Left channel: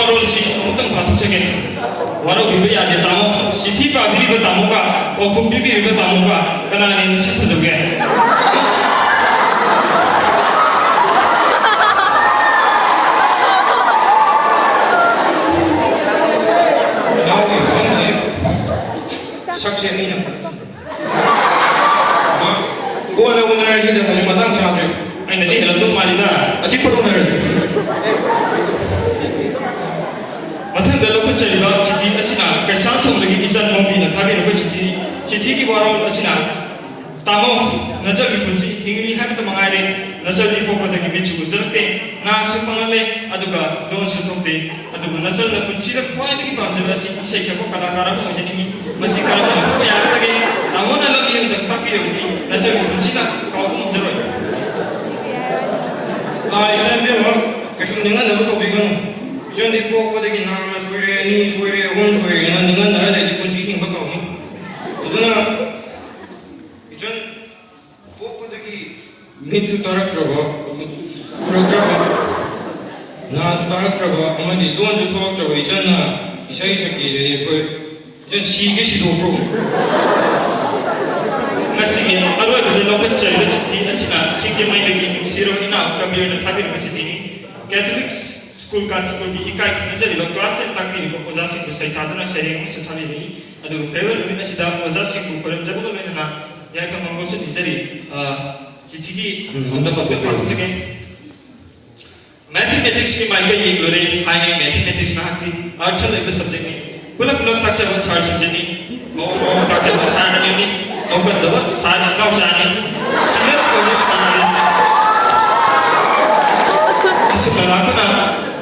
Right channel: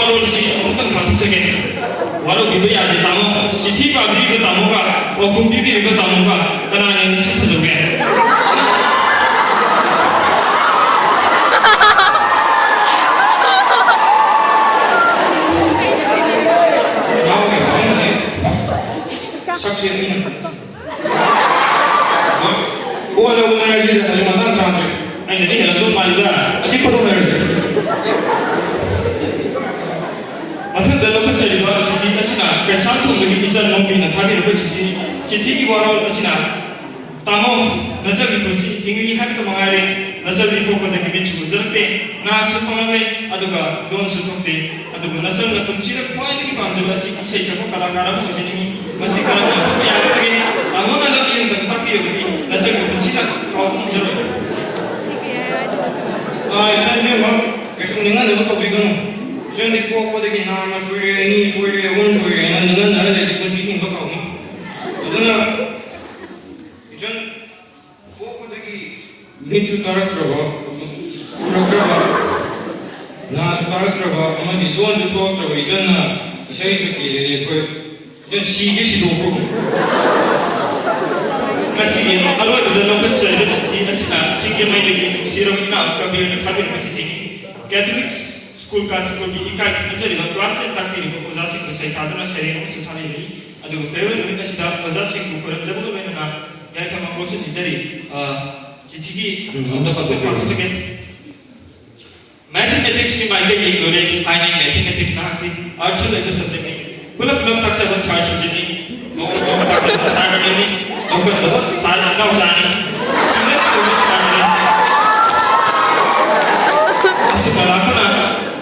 ꯃꯔꯣꯜꯁꯤ ꯑꯃꯨꯛꯇꯪ ꯄꯥꯊꯣꯛꯆꯒꯦ ꯋꯥꯔꯧꯕꯤꯕ ꯌꯥꯗꯦ ꯇꯥꯃꯣ ꯆꯤꯊꯤ ꯄꯥꯕꯤꯔꯤꯕ ꯇꯥꯃꯣꯒ ꯄꯥꯎꯈꯨꯝ ꯄꯤꯕꯤꯔꯤꯕ ꯇꯥꯃꯣꯒ ꯀꯅꯥꯅ ꯍꯦꯟꯅ ꯁꯛ ꯐꯖꯧꯒꯦ सक्से नहीं है कौन है वो नया चीज़ है तो मतलब चाहते हैं anh नहीं है तो मालिका अच्छी फोटो नहीं है मतलब दलों को चलेगा चिट्ठी ऐसी ना कैसा तुम लगी इज्जत मोबी न था भी लोगों चिट्ठी की बारों ऐसी ना तामो नजर भी कुछ इंग्लिश है तो मंगाए नजर भी को पता नहीं मिचु जरते ना सुपमा में अदुगा लोन सुतोंते अदुगा नजर न कुछ सिर्फ कोई नहीं पांच जगह सी इसे सब कलाकार में मुझे नहीं masih kalau itu yang lagi namun anak yang tempat dia begini nasi kunci lah kau muncul saya memang kesenangan itu tapi kan jangan dibawa pada kita nama suri ni suri orang suri nanti nanti ada di kunci ini bakal ni karena jangan bawa pada kita micu tarak terbawa nah tarak terbawa kemudian tuan tu tarak terbawa jangan isai sakit jadi kau dan sige sido pro masih ini awal dulu kan jadi di asina sige mai lagi siro ina kami nak tapi masih ini Catholic school kan school di ikai jadi lo kelas tak ni ko oza sing saya tadana saya ini sutani ini adu favorite ini sudah oza sing ko kolam jago tu mana ya kan mau so jadi jadi untuk apa tu mathematics ni mai lagi boleh high mathematics nak di arts level subject ni पुनः तक से बस सार समझनी और तक से बस सार नहीं और कुछ दबा सार अपना उसानी सीरियस कोई सानी इसे मलाकना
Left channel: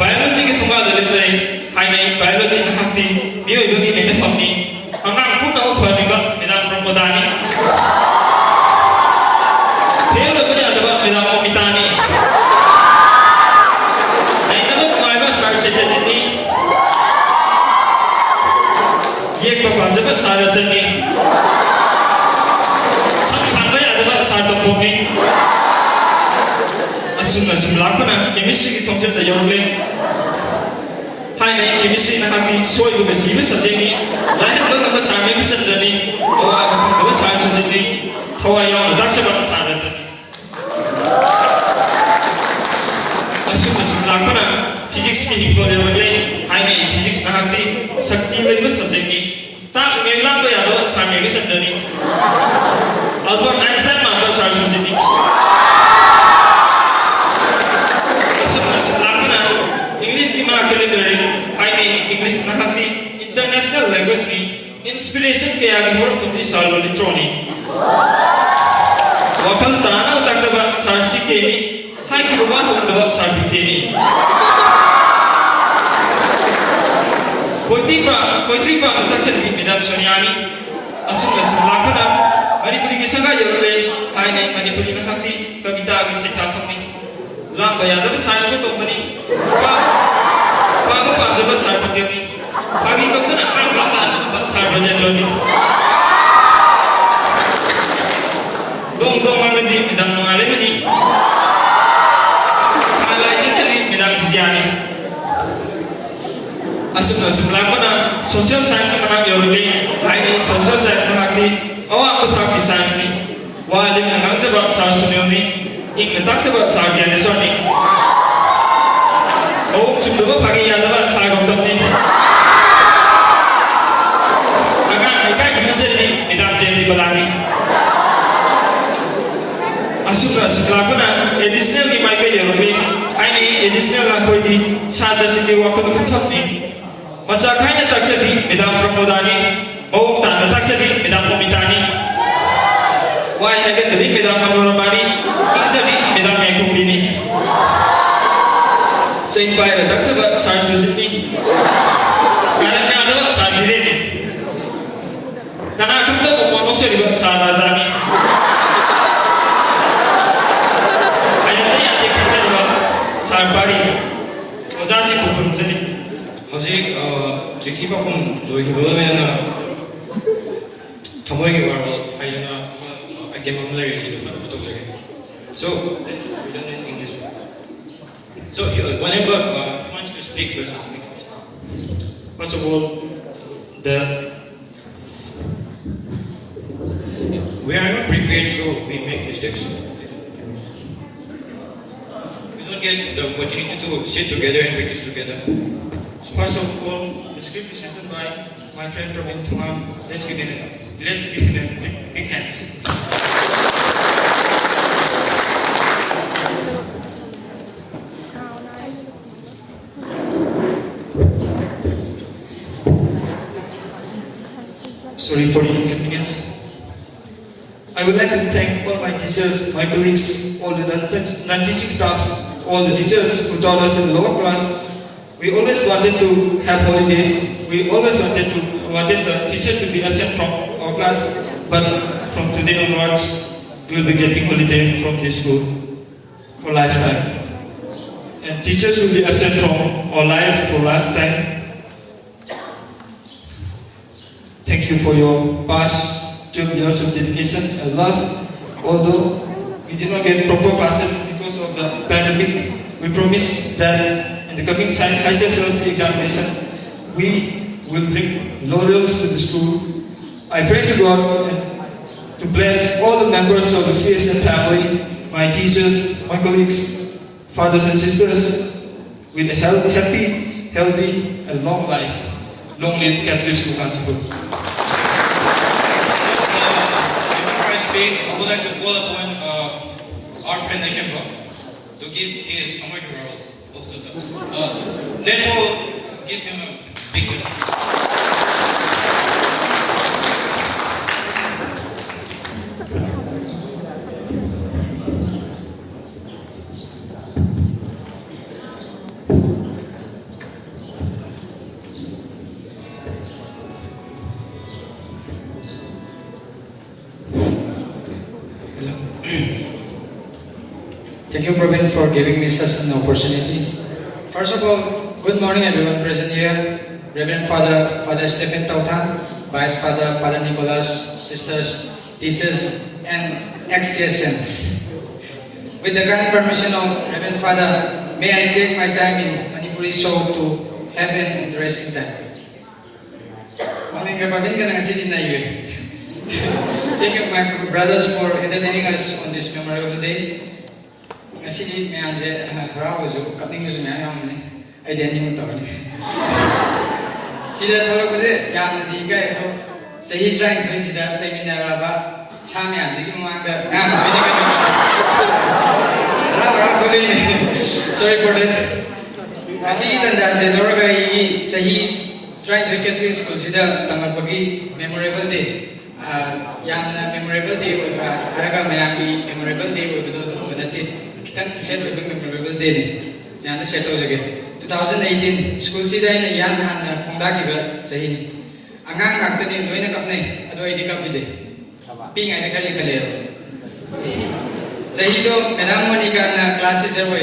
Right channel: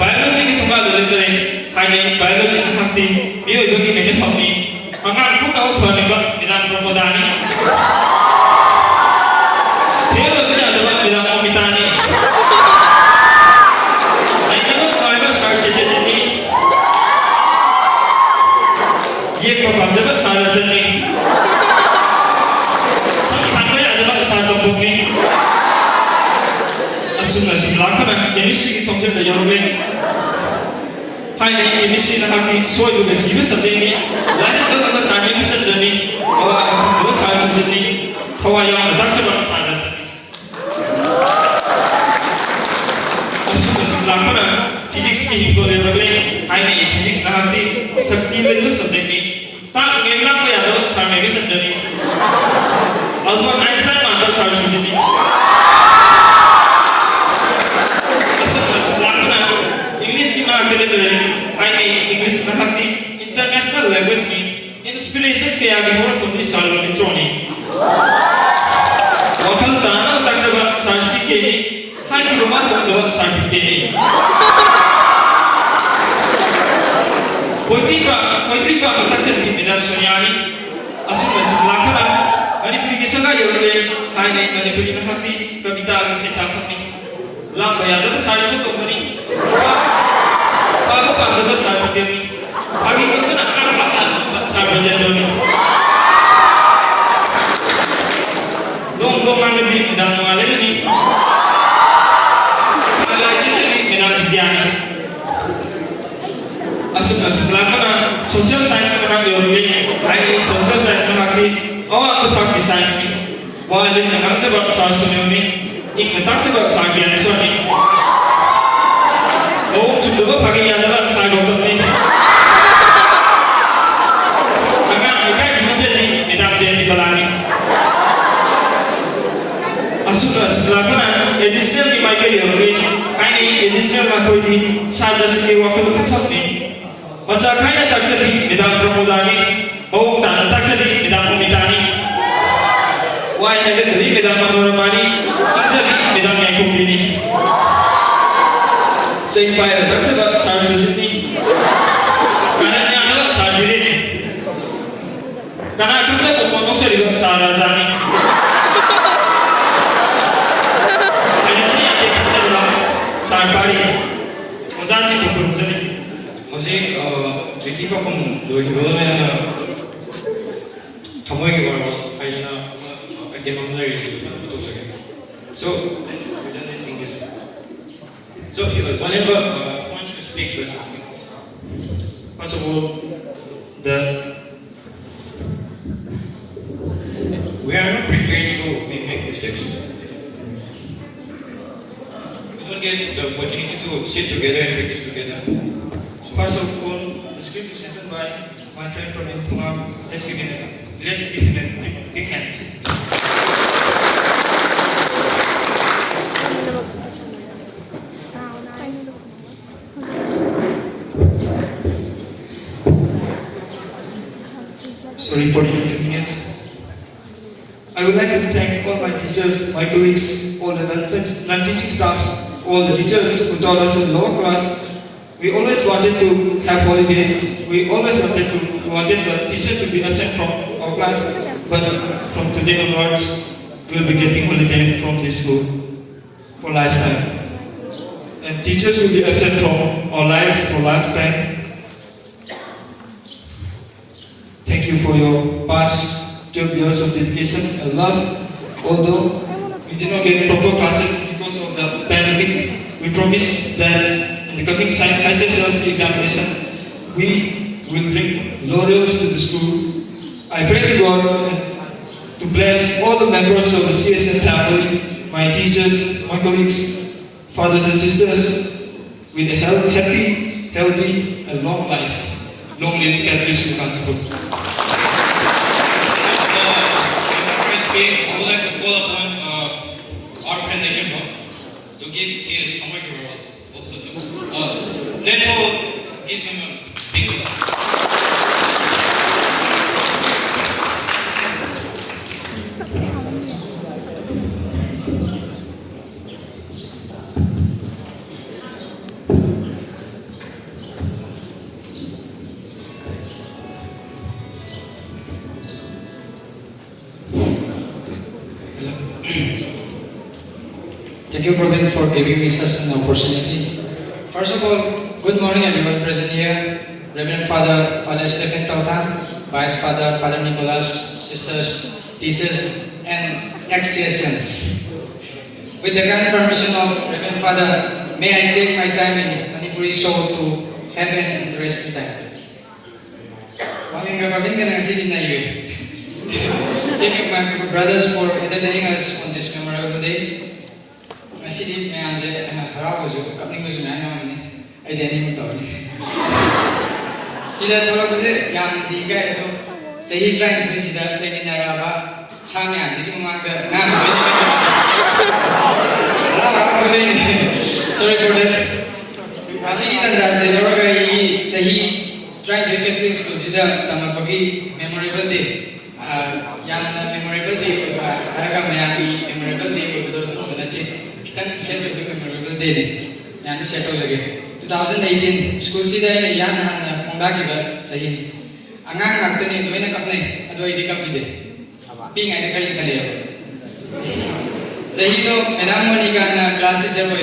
बायोलॉजी की थोड़ा दले करे हाई नहीं बायोलॉजी की हफ्ती ये उधर की नहीं समझी अंगार कुछ ना उठा निका बिना प्रमोदानी फिर लोग क्या दबा बिना मितानी नहीं तो आएगा सार से जल्दी ये प्रपंच सारे तनी सब सांगे अदला साथ पोपी असुम लाखना केमिस्ट्री की तोंजे तयरोबे हाय ने केमिस्ट्री ना की सोय को सीबे सजेनी लाइन तो सामे भी सजनी और सार सजनी थवा या दाक से बन सारे तनी असुम लाखना फिजिक्स की को रेबले हाय ने फिजिक्स ना की शक्ति में भी सजेनी tak memang apa ya lo sama ini sendiri. Albert Einstein mana salah satu ni. Lakukan English ni mana kira tu ni. Hai English nak hati international language ni inspiration kaya kita orang tu ni soal ni troni. Waktu tanah tak sebab sarsi kini. Hai kita rumah tu dua sarsi kini. Poetry ba tak jadi minat soniari asal lakana hari tu kisah gaya oleh hai ni mana pun kita hati kavita kisah tak ni lam bayar tu saya tu tu ni apa jawab saya tu ni hari tu tu nak apa saya berjaya ni dong mana ni dan mana ni kalau ini jadi minat ziani asal lakana social science mana diorang hari social science nak di awak betul ki science ni wah ini nak sebab sar sunyo ni ini tak sebab sar kian so ni oh cuma pagi yang dalam sar doktor ni agak agak ini jadi minat jadi balani asal lakana additional ni mai ke diorang hari additional nak kau di saja sikit waktu betul ni macam kain tak jadi midang pramodani, bau tak jadi midang pemitani. Wah saya jadi midang pramodani, jadi midang yang kumpini. Saya bayar tak sebab saya sendiri. Karena ada saya diri. Karena aku tu ngomong serius saya razani. Ayatnya ada kerja dalam saya bari. Muzasi kupun jadi. Jadi jadi kau pun lohi mana thamoi ke baru ayana agak mampu lagi sih betul saja. So let's do it in English. So whenever he wants to speak first, speak first. First of all, we are not prepared, so we make mistakes. We don't get the opportunity to sit together and practice together. first of all, the script is written by my friend Praveen Tamam. Let's give him a big hand. Sorry for the inconvenience. I would like to thank all my teachers, my colleagues, all the non-teaching staffs, all the teachers who taught us in the lower class. We always wanted to have holidays. We always wanted the teacher to be absent from our class. But from today onwards, we will be getting holiday from this school for lifetime. And teachers will be absent from our life for lifetime. Thank you for your past 12 years of dedication and love. Although we did not get proper classes because of the pandemic, we promise that in the coming high SSLC examination, we will bring laurels to the school. I pray to God to bless all the members of the CSM family, my teachers, my colleagues, fathers and sisters, with a happy, healthy, and long life. Long live Catholic School Kansapur. I would like to call upon our friend Neshampa to give his Amrita Award. Let's all give him a big Thank you, Praveen, for giving me such an opportunity. First of all, good morning everyone present here. Reverend Father Stephen Tautan, Vice Father, Father Nicholas, sisters, teachers, and ex-CSMs. With the kind permission of Reverend Father, may I take my time in Manipuri show to have an interesting time. Thank you, my brothers, for entertaining us on this memorable day. Actually, I am proud coming with an animal. I didn't know. See that all of it, young Diga, say he trying to visit that Leminaraba, Sami, and sorry for that. I see that the Norway say he trying to get to school, see that Tamapagi memorable day. Young memorable day, Araga Mayapi memorable day, memorable day. Yan settle again. 2018 school sida ina yan han pongda kiba sahi. Angang ngakten doina kapne ado idi kapide. Ping ane khali khale. Sahi do madam Monica na class teacher boy.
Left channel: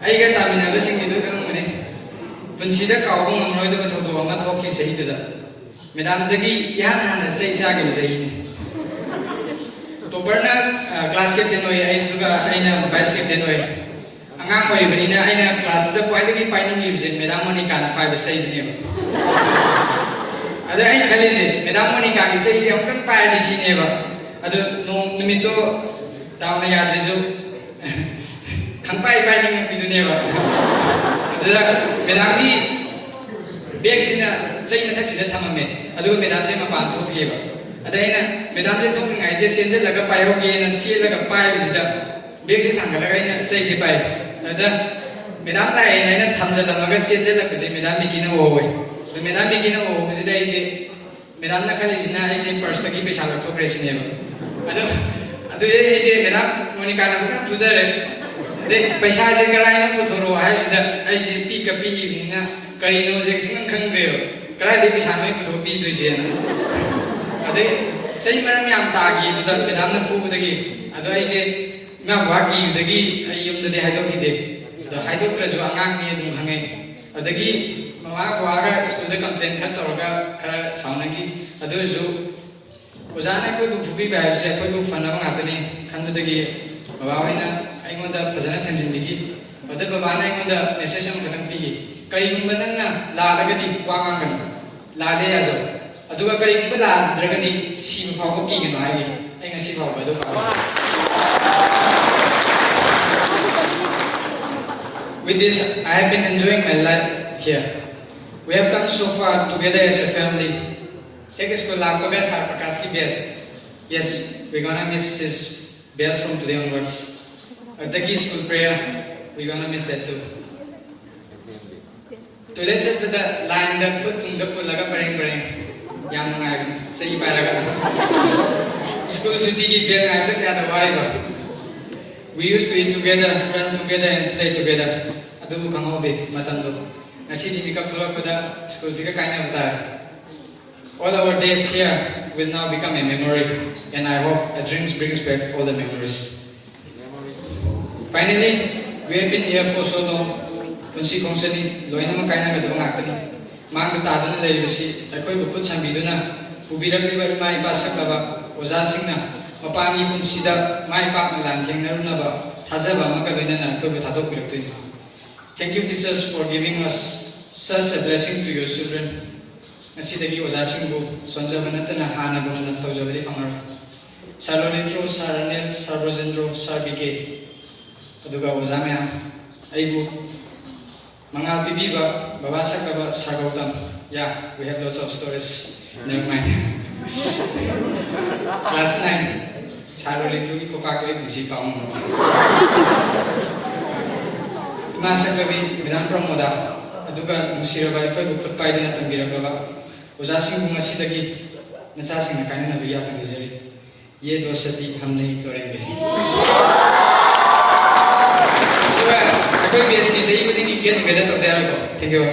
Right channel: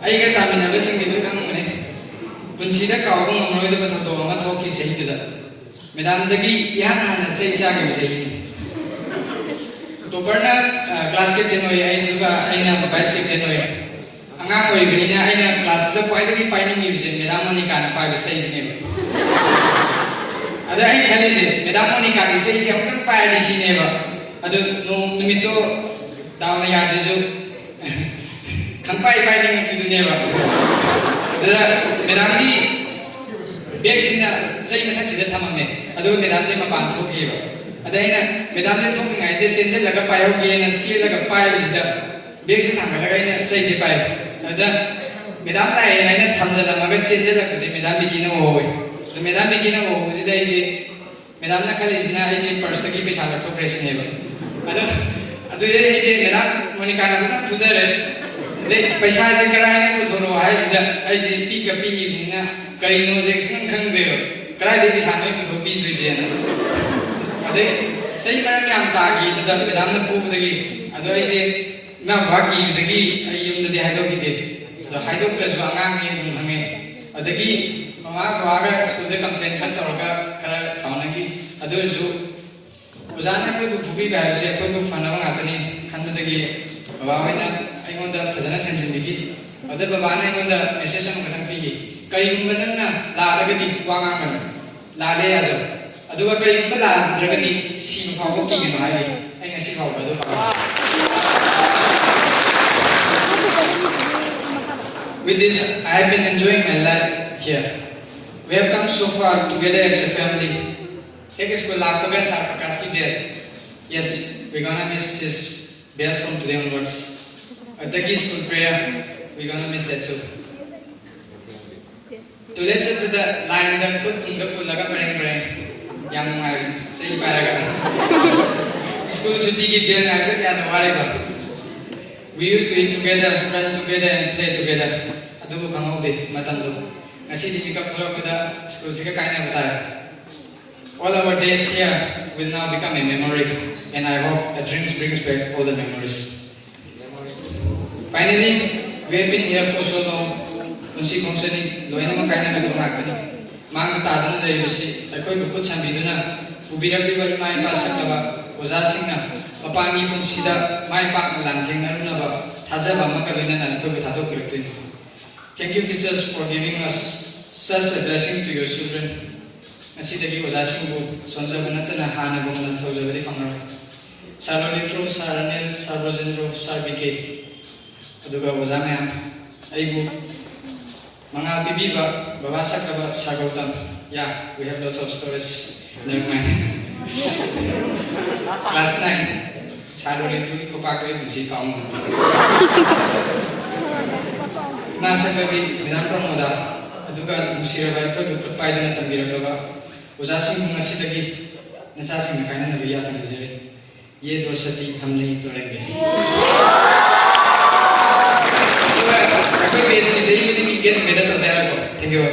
Ai ga tamina ba sing do kang mane. Punsida ka ong noi do thodo ama thoki sahi da. Madam dagi yan han sai sa ki sahi. To barna class ke tenoi ai duga aina vice ke tenoi. Angang ko ibinina ay na class da pwede ki paining gives Madam Monica na pa say niya. Ada ay khalije Madam Monica ki say siya ang pa ni sineba. Ado no nimito daw na ya jesu. Kampai paining ki dunia ba. Ada Madam ni bag sina say na thak sida thamame. Ado Madam je mapang thoki ba. Ada ay na Madam je thong ngai je sende laga payo ge na chi laga payo sida. Bag sina thang laga ni say je payo. Ada Madam tay ay na thamja la magar chete la kuji Madam bikina wo hoy. To Madam bikina wo kuji dai je Madam na khali sina ai je purse ki paisa la thokre sine ba. Ado ai je Madam Monica na ka tudare de paisa je karai na to thoro ai je ai je pi ka pi ni na kai no je sing khang de karai de paisa me to pi de je na. Ade sai maram yam ta gi to da Madam na pu de gi ado ai je na ba gi de gi ai yum de hai to ki de the Hydro Treasure Angang ni Dunghang. Adagi Mama Waga school the complaint cut or Kara Saunaki, Adozu Uzana could be by Jacob Fanatani, Kandagi, Bavana, I want the President and Digi, but the Bavana on the Necessary Katampi, Karigumba nangna ladagadi wangakani. Lade azo. Aduga karigumba ladragadi si mafako kigano hai. Ay nga si mafako adu pa. With this, I have been enjoying my life here. We have come so far together as a family. Ek isko lakoga sa Prakash ki bel. Yes, we're gonna miss his bell from today onwards. Ataki school prayer, we're gonna miss that too. Today chat with the line that put the pull laga pareng. Yang ngai say paraga. School suti ki bel ngai put yada warega. We used to eat together, run together and play together. Adu kamaude matando. Ngasi di mikap thora pada school sika kaina bata. All our days here will now become a memory, and I hope a dream brings back all the memories. Finally, we have been here for so long. Kunsi kongsani loina makaina ka dong akani. Mang ta dana dai basi akoi ko khut sambiduna ubiragdiba ima ipa saklaba oja singna mapami pungsida mai pa lan thengna ba thajaba maka loina nan ko thadok biraktin. Thank you teachers for giving us such a blessing to your children. Asidagi ojasimbu sonjaba natana hana gumna tawjabali famra. Sarolitro, Saranel, Sarojendro, Sarbike. Aduga ojamaya aibu mga bibiba bawasak ka sagautam. Yeah, we have lots of stories. Never mind. Class 9. Sarolitro ko pa ko ibisi pa mo. Nasa gabi bilang promoda aduga musirabal ko dukot pa idan tambiragaba. Ojasing mga sidagi nasasing na kain na biya tangjari. Ye dosati हम नहीं तोड़ेंगे. Aku biasa jadi ini get together to there. Thank you.